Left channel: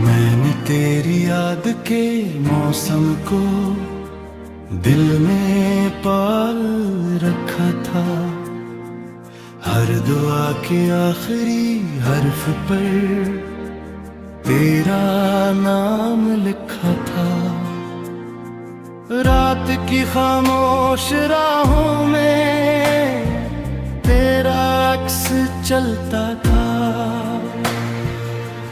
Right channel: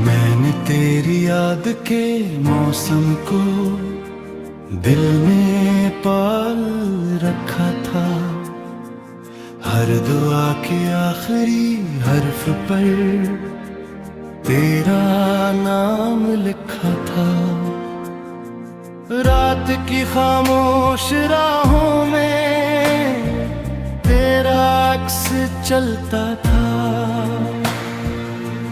मैंने तेरी याद के मौसम को दिल में पाल रखा था। हर दुआ के आखिरी हर्फ पर तेरा नाम लिखा था। रात की खामोश राहों में तेरा अक्स चलता था।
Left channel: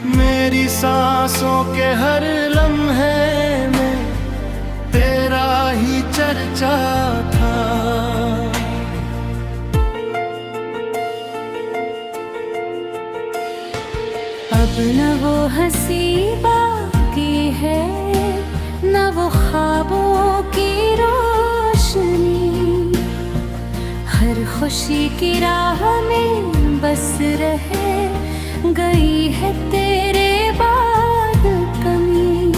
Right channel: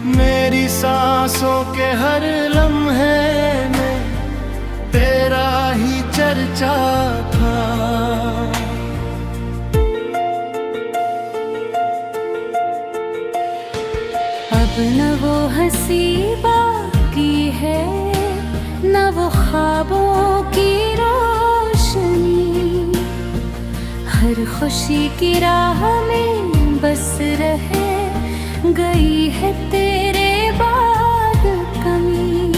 मेरी सांसों के हर लम्हे में तेरा ही चर्चा था। अब न वो हंसी बाकी है, न वो ख्वाबों की रोशनी। हर खुशी की राह में बस रहे गई है तेरे बाद कमी।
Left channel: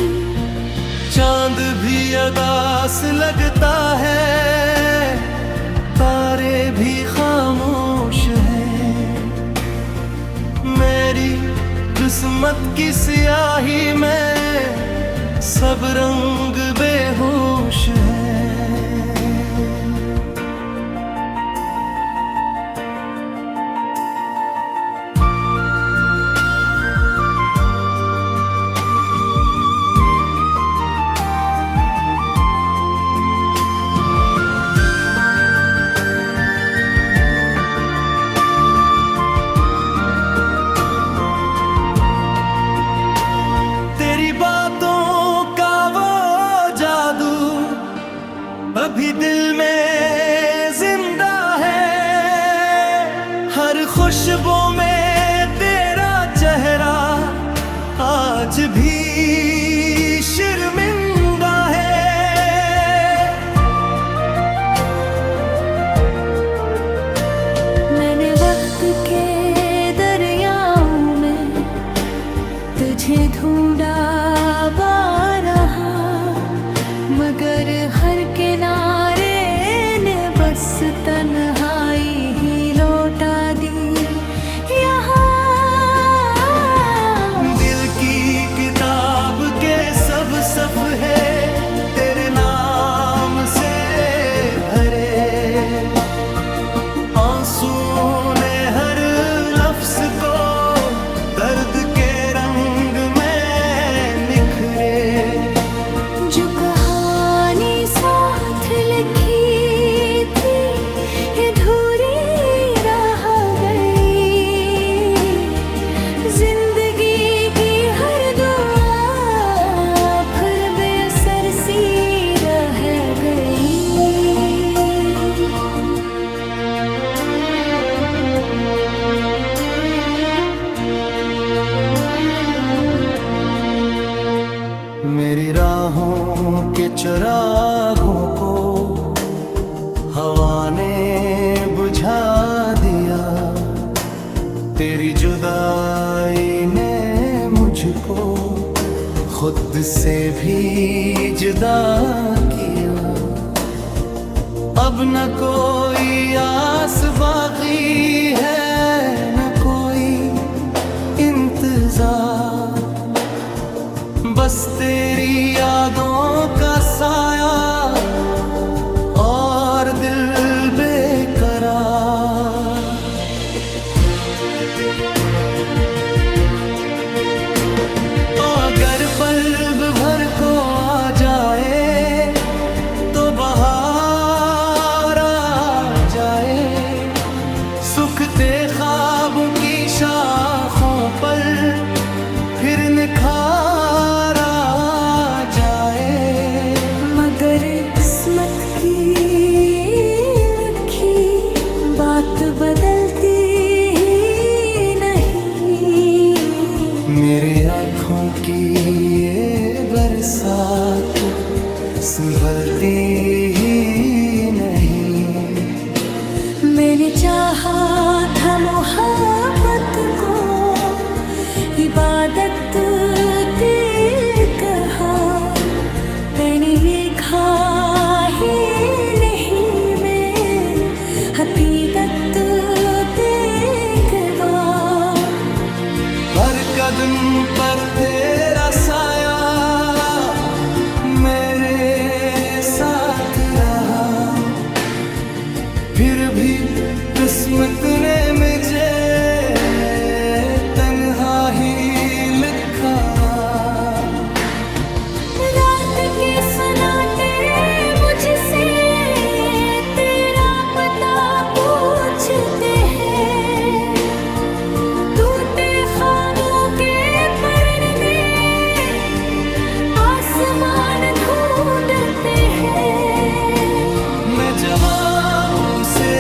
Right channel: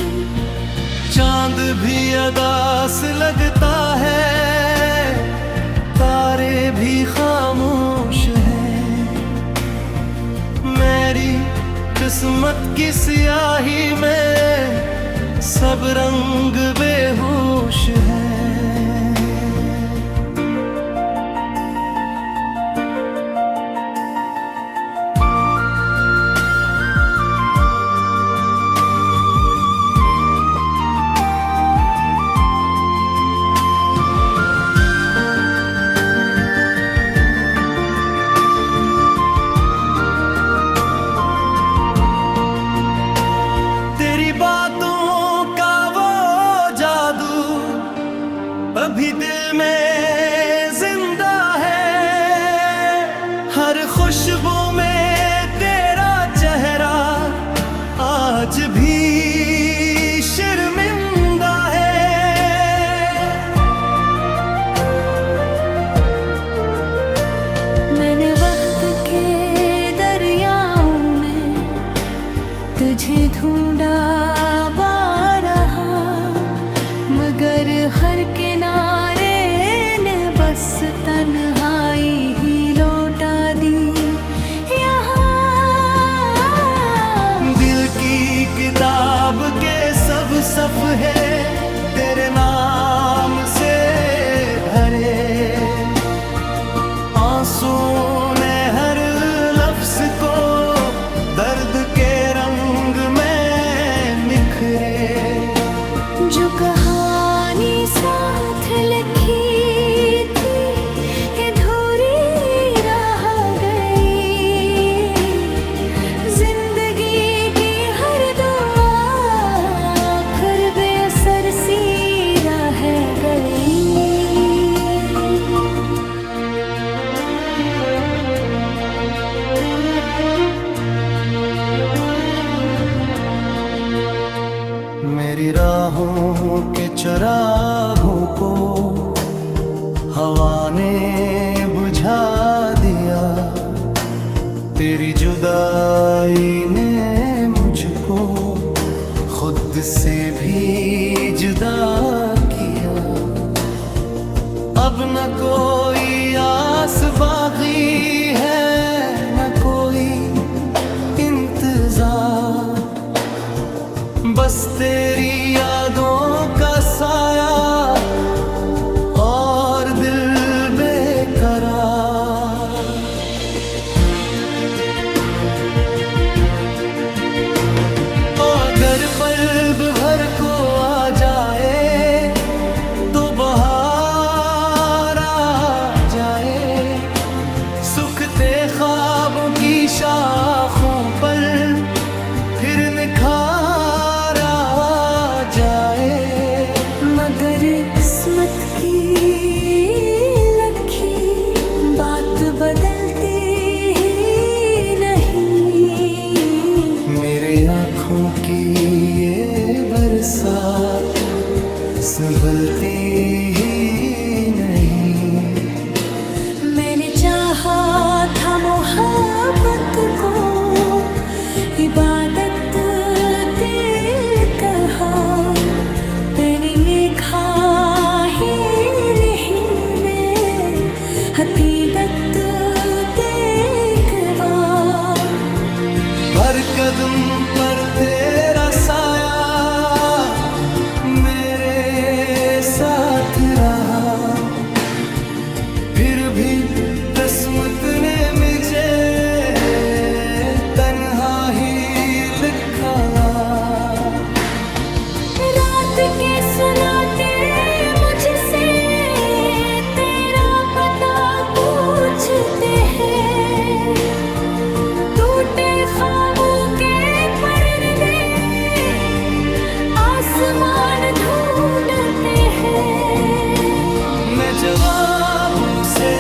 चांद भी अदास लगता है, तारे भी खामोश हैं। मेरी किस्मत की स्याही में सब रंग बेहोश है। तेरी बातों का वो जादू अभी दिल में जिंदा है। हर खुशबू में तेरा चेहरा आज भी शर्मिंदा है। मैंने वक्त के दरियाओं में तुझे ढूंढा बारहा, मगर हर किनारे ने बस तन्हाई ही लौटा दी। यहाँ दिल की किताब के सब सफ़े तेरे नाम से भरे। आंसू ने हर लफ्ज को दर्द के रंग में निखरे। जो कहानी साथ लिखी थी अधूरी रह गई। जिंदगी की हर दुआ फिर बेअसर सी रह गई। मेरी राहों के चरागों को हवा ने बुझा दिया। तेरी जुदाई ने मुझको खुद से भी जुदा किया। अब न कोई आस बाकी है, न कोई इंतजार। बस तेरी यादों का साया और दिल बेकरार। अगर पल भर को आ जाए तो बहार आ जाए। सूखते ख्वाबों की शाखों पर फिर निखार आ जाए। मगर किस्मत की लखी बात बदलती ही नहीं। मेरे आँखों की ये बरसात संभलती ही नहीं। मैंने चाहा था मोहब्बत को इबादत ते कहा। मैंने लिखा ही नहीं मैं हकीकत देख बार। पर कदम पर तेरा साया मेरे साथ रहा, फिर भी किस्मत ने मुझे तन्हा ही लिखा। रात के सन्नाटे मुझसे तेरा पता पूछते हैं, टूटे ख्वाबों के पर्दे आसमान ढूंढते हैं। मैं जवाबों से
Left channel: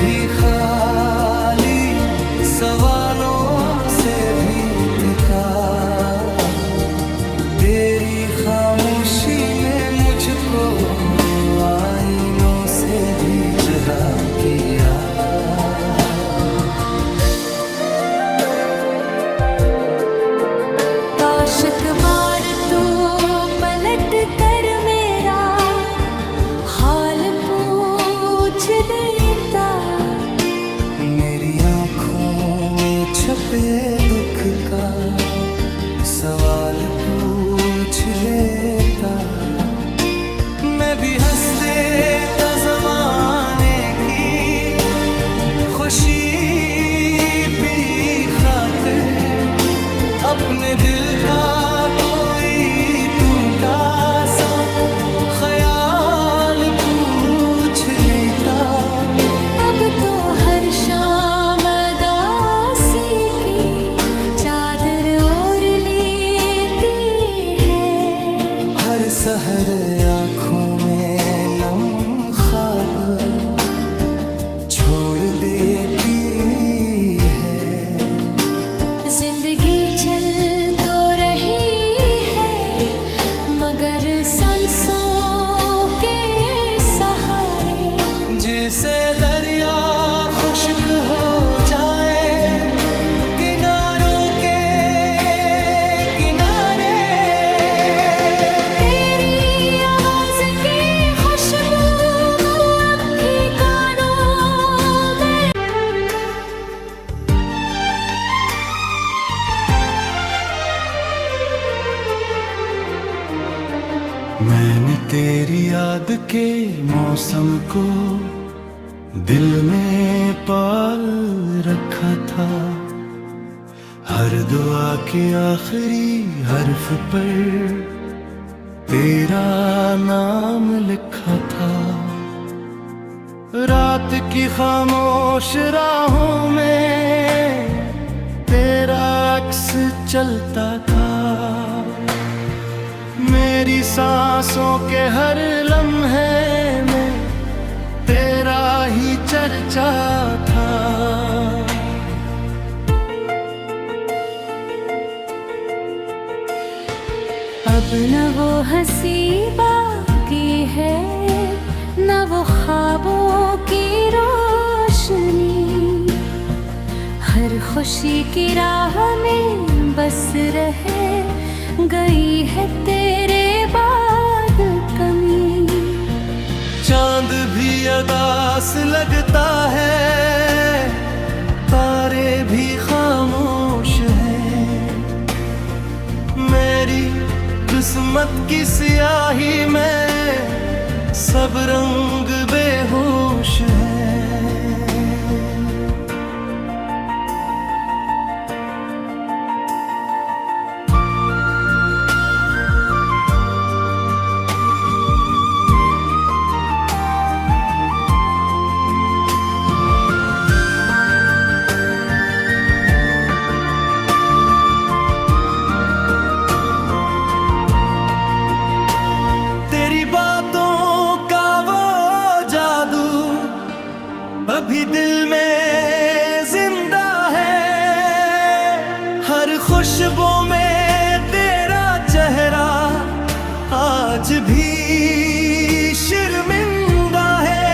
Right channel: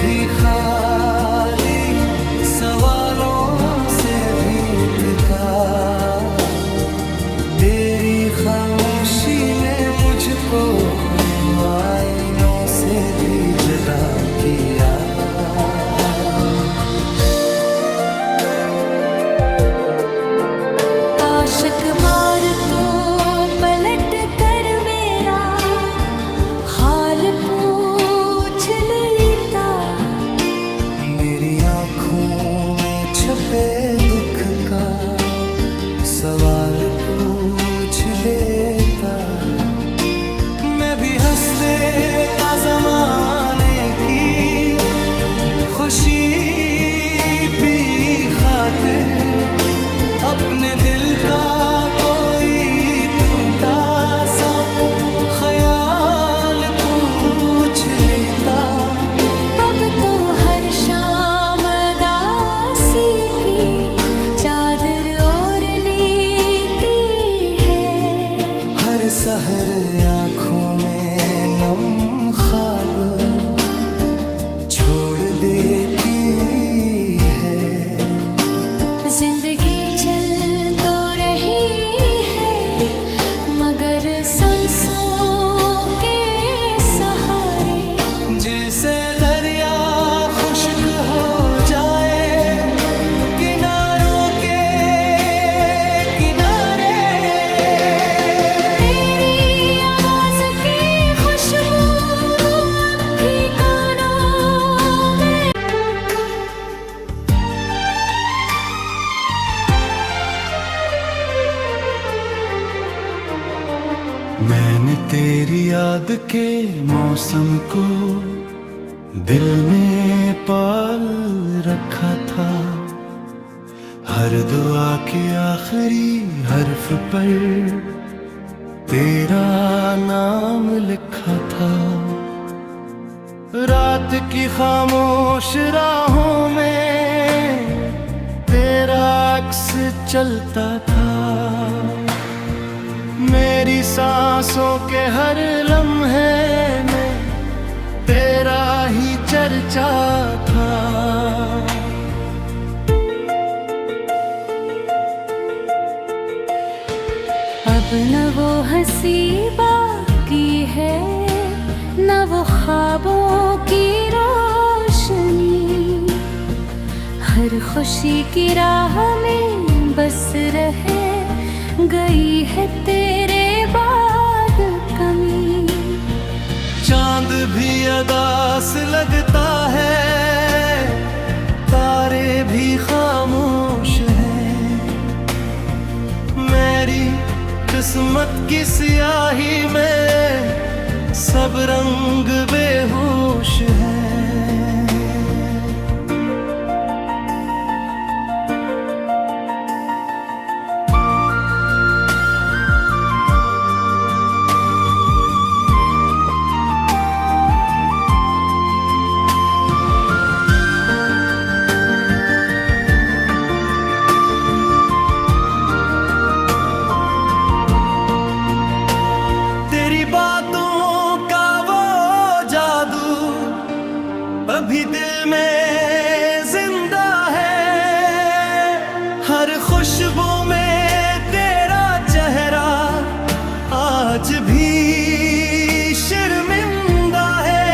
भी खाली, सवालों से भी थका, तेरी खामोशी ने मुझको आईनों से भी जुदा किया। आशिक बार तो पलट कर मेरा हाल पूछ लेता, मेरी आँखों में छपे दुख का सवाल पूछ लेता। मैं भी हंस देता ज़माने की खुशी पी खातिर, अपने दिल का कोई टूटा सा ख्याल पूछ लेता। अब तो हर शाम दासी की चादर ओढ़ लेती है, हर सहर आँखों में नम ख्वाब छोड़ देती है। जिंदगी चल तो रही है मगर सांसों के सहारे, जिसे दरिया खुश्क हो जाए किनारों के किनारे, तेरी आवाज की खुशबू अब भी कानों में। मैंने तेरी याद के मौसम को दिल में पाल रखा था, हर दुआ के आखिरी हर्फ पर तेरा नाम लिखा था। रात की खामोश राहों में तेरा अक्स चलता था, मेरी सांसों के हर लम्हे में तेरा ही चर्चा था। अब न वो हंसी बाकी है न वो ख्वाबों की रोशनी, हर खुशी की राह में बस रहे गई है तेरे बाद कमी। चांद भी अदास लगता है, तारे भी खामोश हैं, मेरी किस्मत की स्याही में सब रंग बेहोश है। तेरी बातों का वो जादू अभी दिल में जिंदा है, हर खुशबू में तेरा चेहरा आज भी शर्मिंदा है।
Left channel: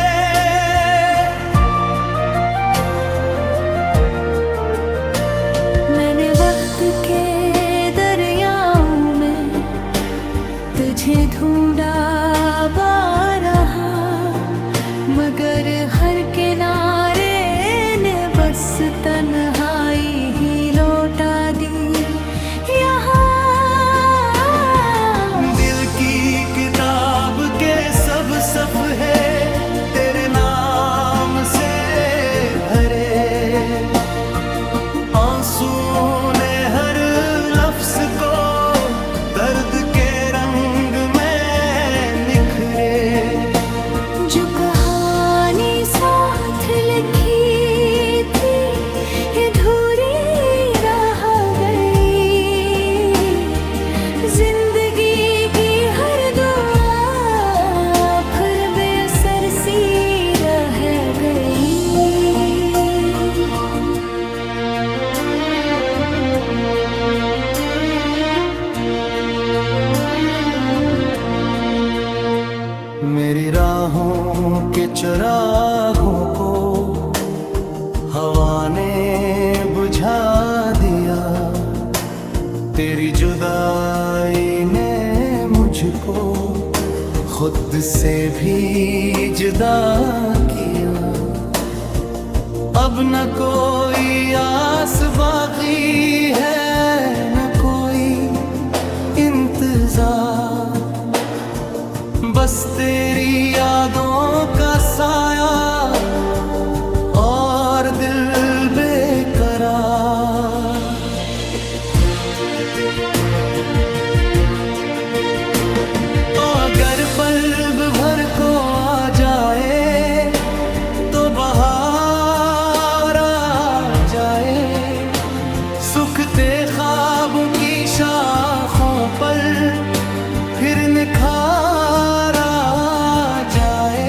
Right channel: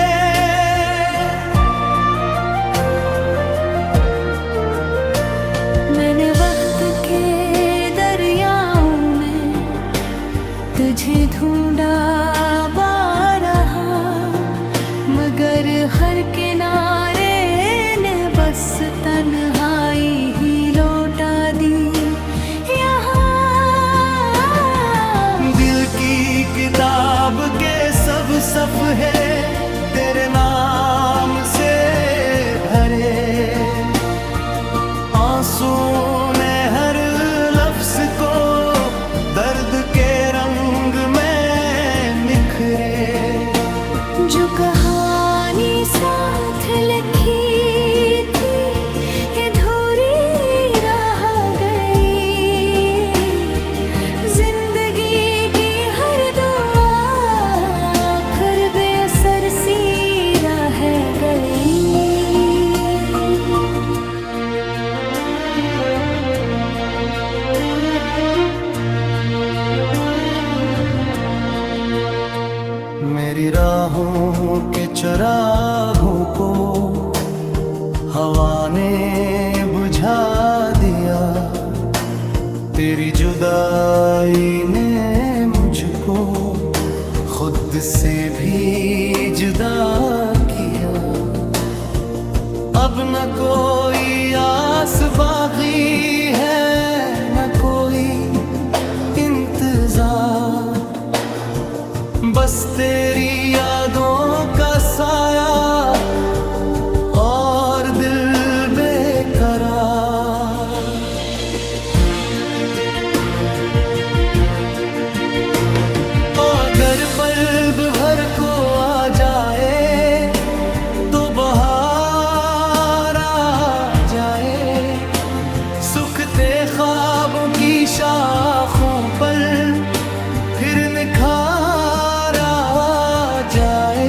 मैंने वक्त के दरियाओं में तुझे ढूंढा बारहा, मगर हर किनारे ने बस तन्हाई ही लौटा दी यहाँ। दिल की किताब के सब सफ़े तेरे नाम से भरे, आंसू ने हर लफ्ज को दर्द के रंग में निखरे। जो कहानी साथ लिखी थी ये अधूरी रह गई, जिंदगी की हर दुआ फिर बेअसर सी रह गई। मेरी राहों के चरागों को हवा ने बुझा दिया, तेरी जुदाई ने मुझको खुद से भी जुदा किया। अब न कोई आस बाकी है, न कोई इंतजार, बस तेरी यादों का साया और दिल बेकरार। अगर पल भर को आ जाए तो बहार आ जाए, सूखते ख्वाबों की शाखों पर फिर निखार आ जाए।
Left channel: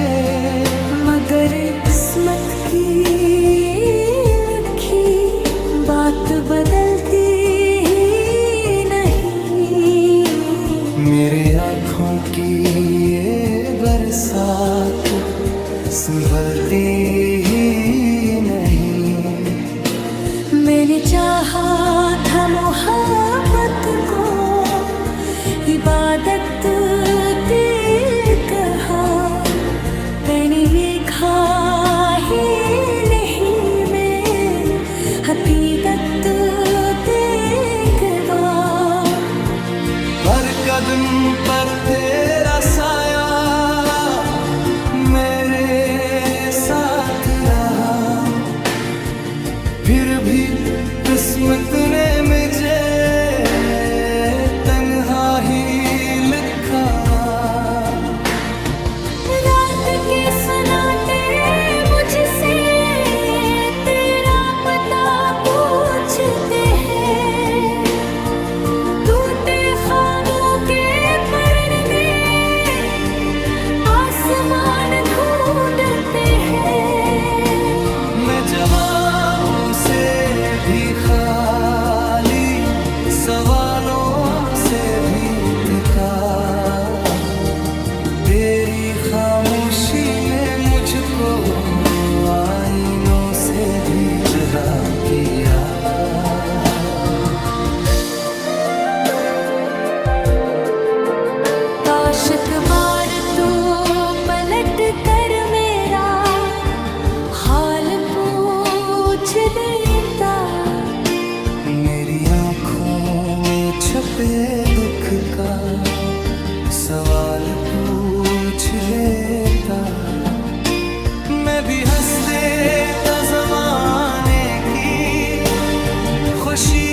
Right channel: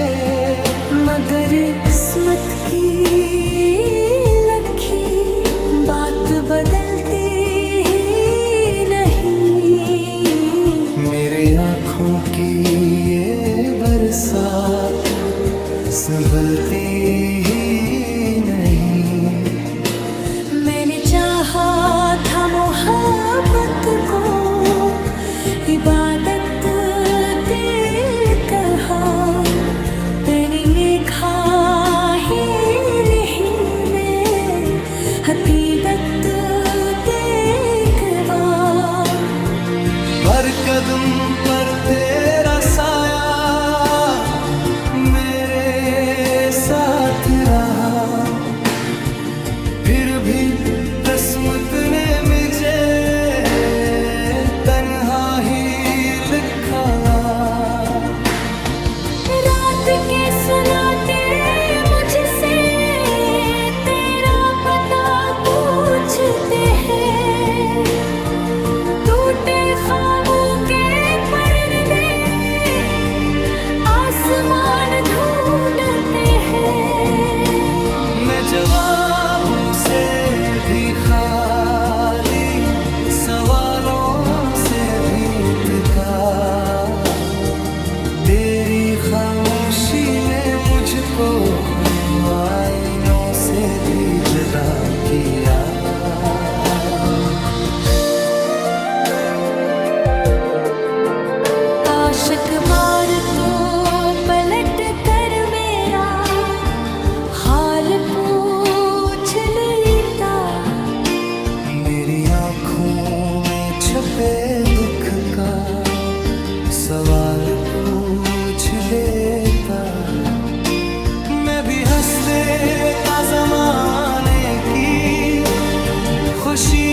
मगर किस्मत की लखी बात बदलती ही नहीं। मेरे आँखों की ये बरसात संभलती ही नहीं। मैंने चाहा था मोहब्बत को इबादत दिल कहा, मैंने ये खा ही नहीं मैं हकीकत देखवा। हर कदम पर तेरा साया मेरे साथ रहा, फिर भी किस्मत ने मुझे तन्हा ही लिखा। रात के सन्नाटे मुझसे तेरा पता पूछते हैं, टूटे ख्वाबों के परदे आसमान ढूंढते हैं। मैं जवाबों से भी खाली, सवालों से भी थका, तेरी खामोशी ने मुझको आईनों से भी जुदा किया। आशिक बार तो पलट कर मेरा हाल पूछ लेता, मेरी आँखों में छपे दुख का सवाल पूछ लेता। मैं भी हंस देता ज़माने की खुशी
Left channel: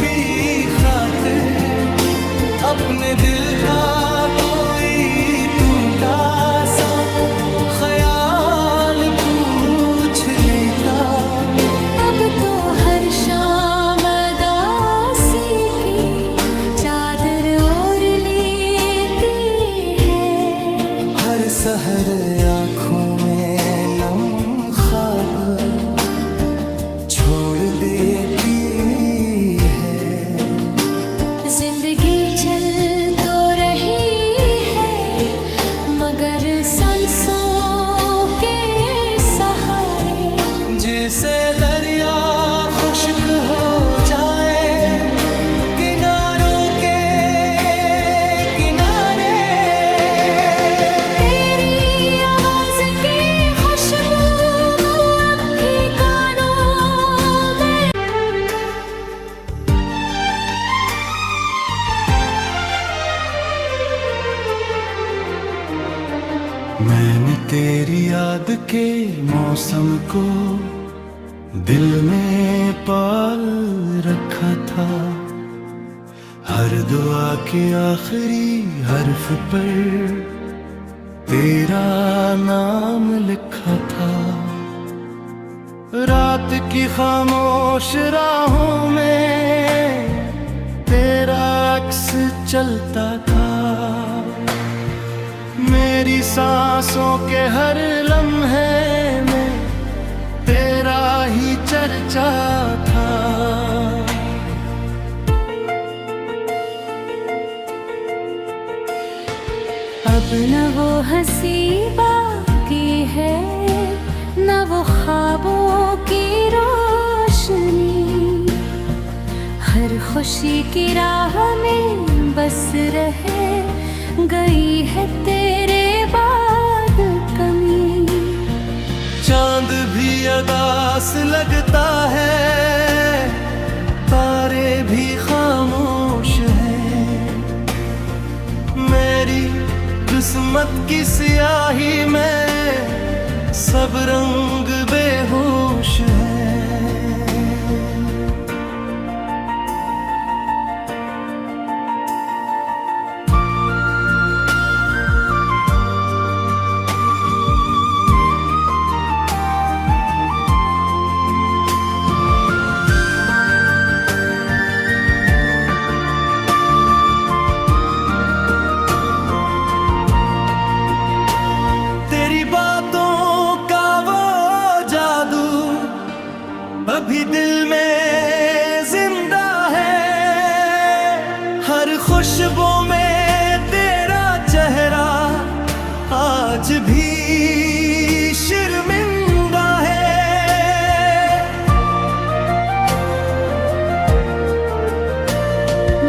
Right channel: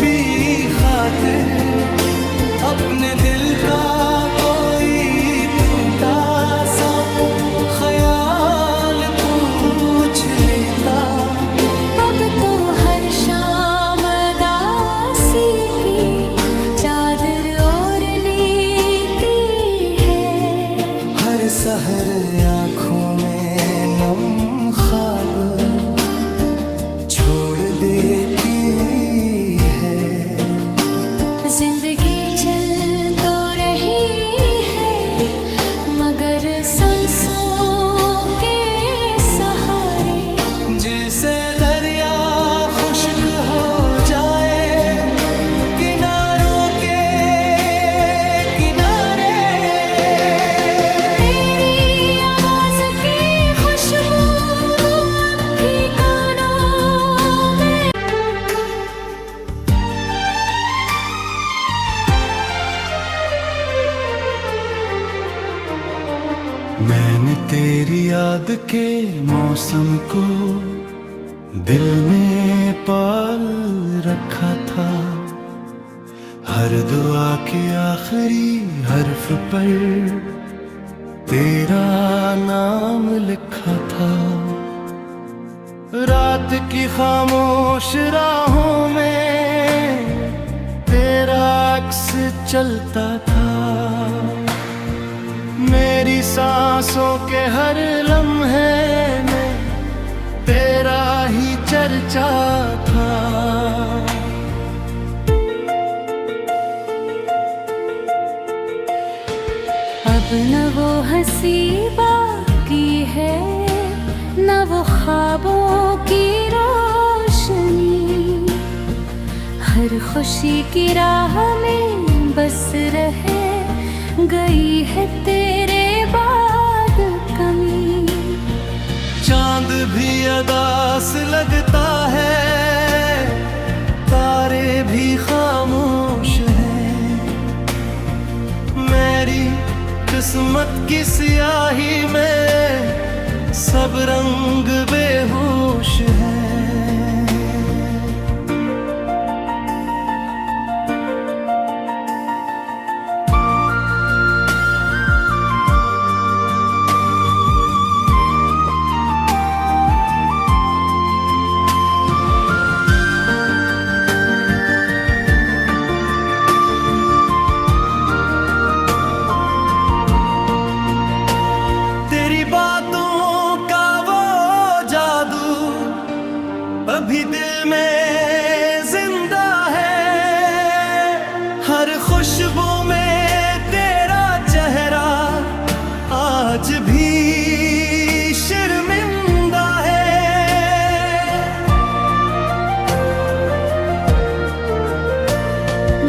पी खातिर, अपने दिल का कोई टूटा सा ख्याल पूछ लेता। अब तो हर शाम दासी की चादर ओढ़ लेती है, हर सहर आँखों में नम ख्वाब छोड़ देती है। जिंदगी चल तो रही है मगर सांसों के सहारे, जिसे दरिया खुश्क हो जाए किनारों के किनारे। तेरी आवाज की खुशबू अब भी मैंने तेरी याद के मौसम को दिल में पाल रखा था। हर दुआ के आखिरी हर्फ पर तेरा नाम लिखा था। रात की खामोश राहों में तेरा अक्स चलता था। मेरी सांसों के हर लम्हे में तेरा ही चर्चा था। अब न वो हंसी बाकी है, न वो ख्वाबों की रोशनी। हर खुशी की राह में बस रहे गई है तेरे बाद कमी। चांद भी अदास लगता है, तारे भी खामोश हैं। मेरी किस्मत की स्याही में सब रंग बेहोश है। तेरी बातों का वो जादू अभी दिल में जिंदा है। हर खुशबू में तेरा चेहरा आज भी शर्मिंदा है।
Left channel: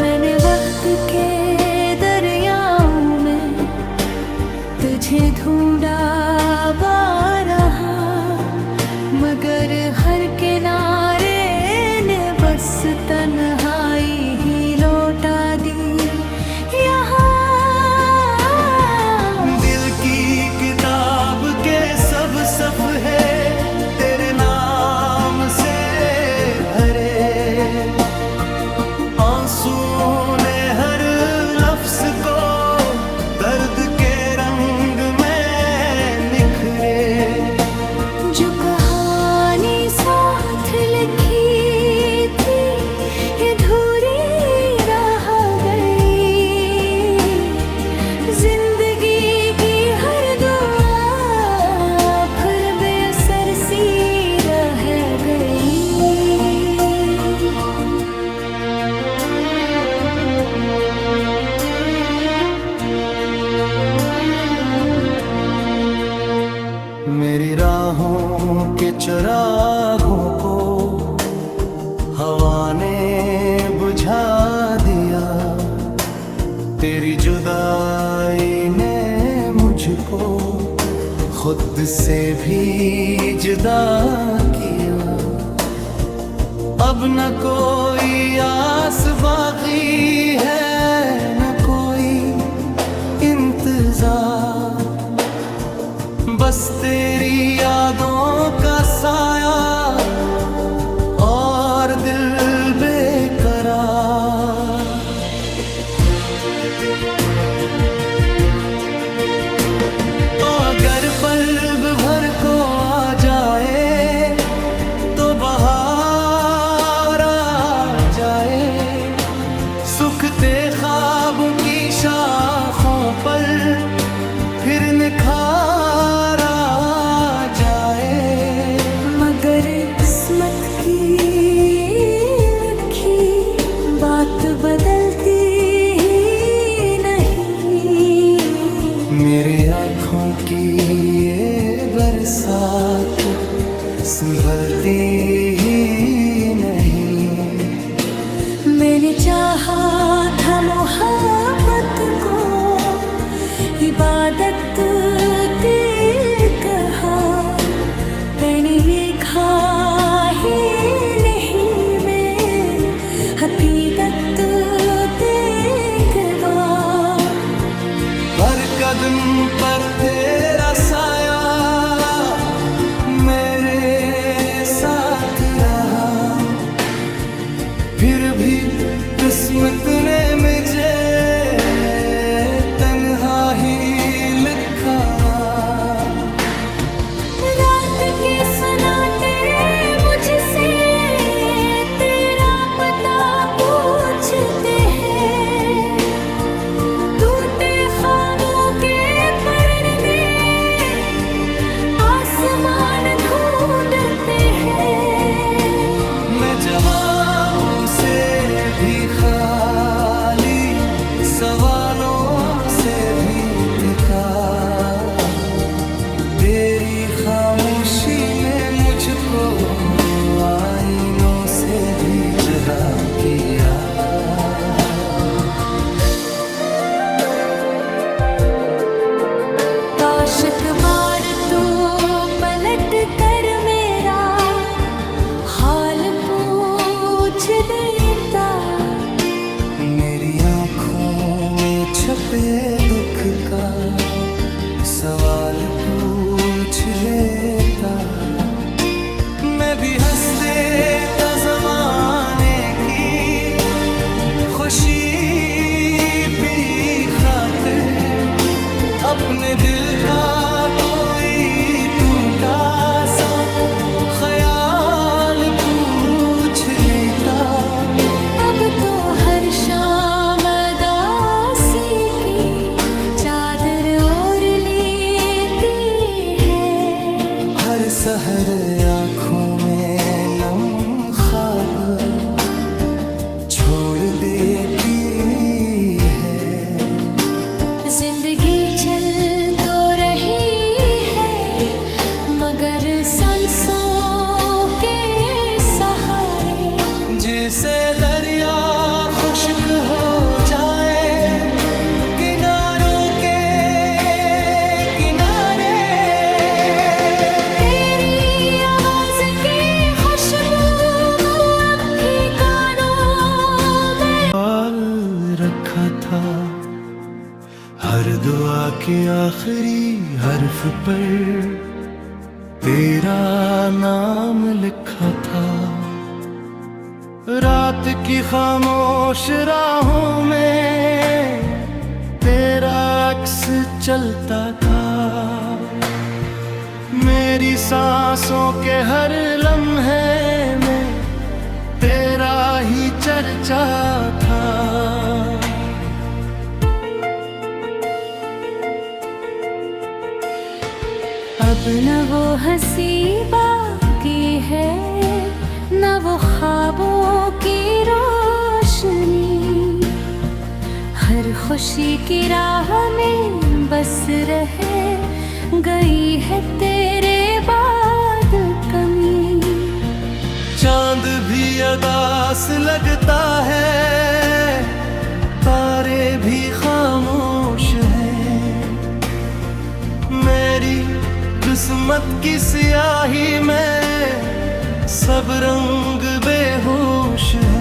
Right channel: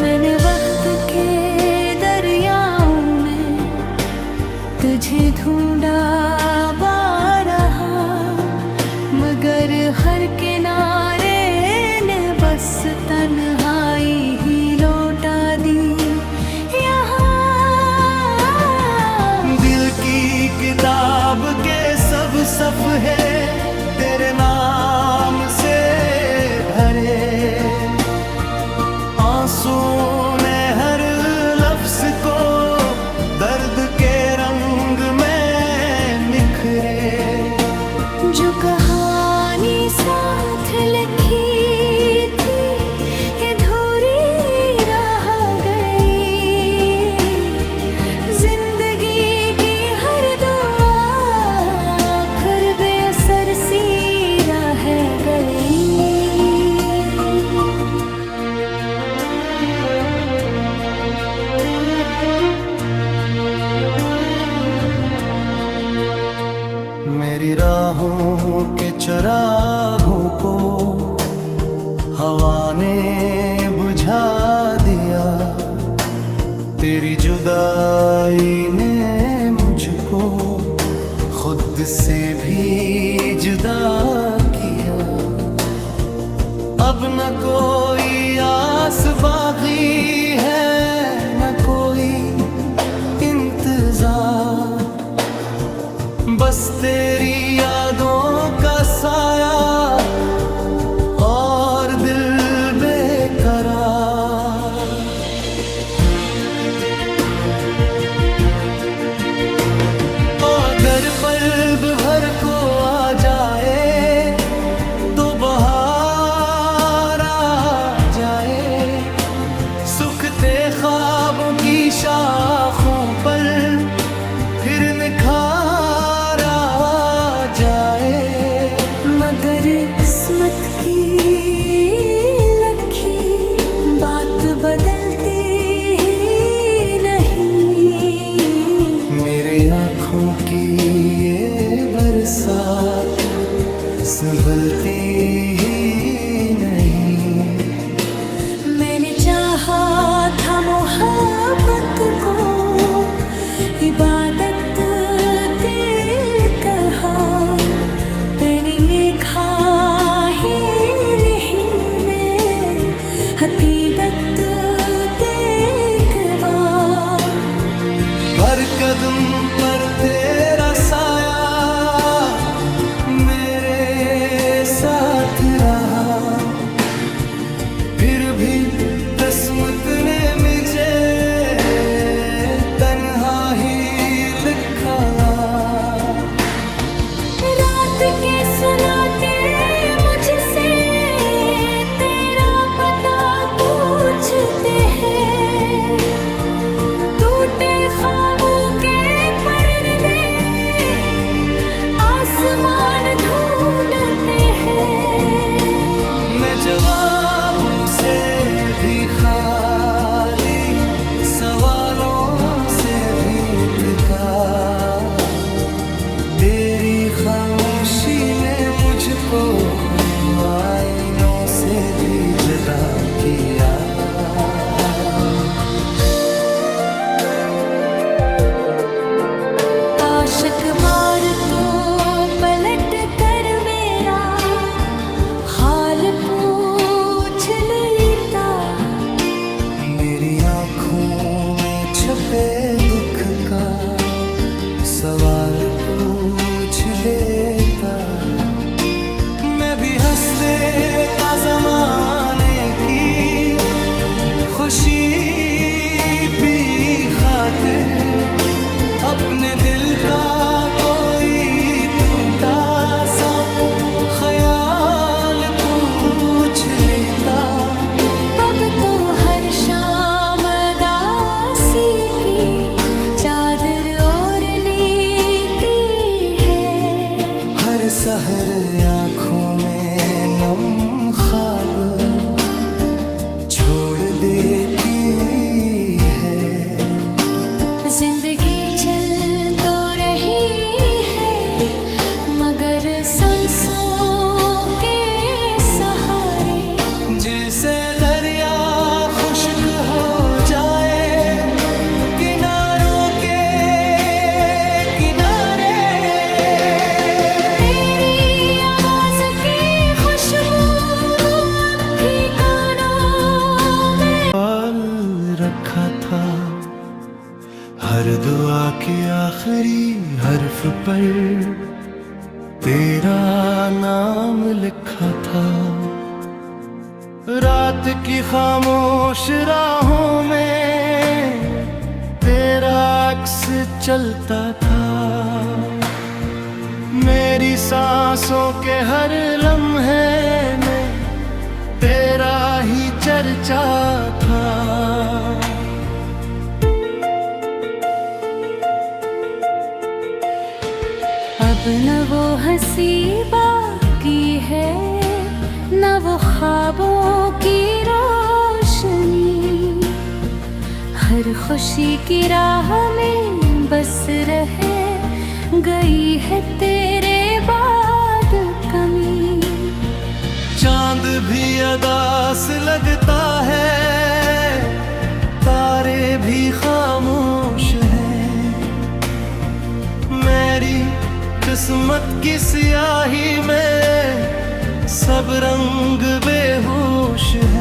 मैंने वक्त के दरियाओं में तुझे ढूंढा बारहा, मगर हर किनारे ने बस तन्हाई ही लौटा दी। यहाँ दिल की किताब के सब सफ़े तेरे नाम से भरे। आंसू ने हर लफ्ज को दर्द के रंग में निखरे। जो कहानी साथ लिखी थी ये अधूरी रह गई। जिंदगी की हर दुआ फिर बेअसर सी रह गई। मेरी राहों के चरागों को हवा ने बुझा दिया। तेरी जुदाई ने मुझको खुद से भी जुदा किया। अब न कोई आस बाकी है, न कोई इंतजार। बस तेरी यादों का साया और दिल बेकरार। अगर पल भर को आ जाए तो बहार आ जाए। सूखते ख्वाबों की शाखों पर फिर निखार आ जाए। मगर किस्मत की लखी बात बदलती ही नहीं। मेरे आँखों की ये बरसात संभलती ही नहीं। मैंने चाहा था मोहब्बत को इबादत के कहा। मैंने ये खा ही नहीं, मैं हकीकत देखवा। हर कदम पर तेरा साया मेरे साथ रहा, फिर भी किस्मत ने मुझे तन्हा ही लिखा। रात के सन्नाटे मुझसे तेरा पता पूछते हैं, टूटे ख्वाबों के परदे आसमान ढूंढते हैं। मैं जवाबों से भी खाली, सवालों से भी थका, तेरी खामोशी ने मुझको आईनों से भी जुदा किया। काश एक बार तो पलट कर मेरा हाल पूछ लेता, मेरी आँखों में छपे दुख का सवाल पूछ लेता। मैं भी हंस देता ज़माने की खुशी पी खातिर, अपने दिल का कोई टूटा सा ख्याल पूछ लेता। अब तो हर शाम दासी की चादर ओढ़ लेती है, हर सहर आँखों में नम ख्वाब छोड़ देती है। जिंदगी चल तो रही है मगर सांसों के सहारे, जिसे दरिया खुश्क हो जाए किनारों के किनारे, तेरी आवाज की खुशबू अब भी कानों में पाल रखा था, हर दुआ के आखिरी हर्फ पर तेरा नाम लिखा था। रात की खामोश राहों में तेरा अक्स चलता था, मेरी सांसों के हर लम्हे में तेरा ही चर्चा था। अब न वो हंसी बाकी है, न वो ख्वाबों की रोशनी, हर खुशी की राह में बस रहे गई है तेरे बाद कमी। चांद भी अदास लगता है, तारे भी खामोश हैं, मेरी किस्मत की स्याही में सब रंग बेहोश है।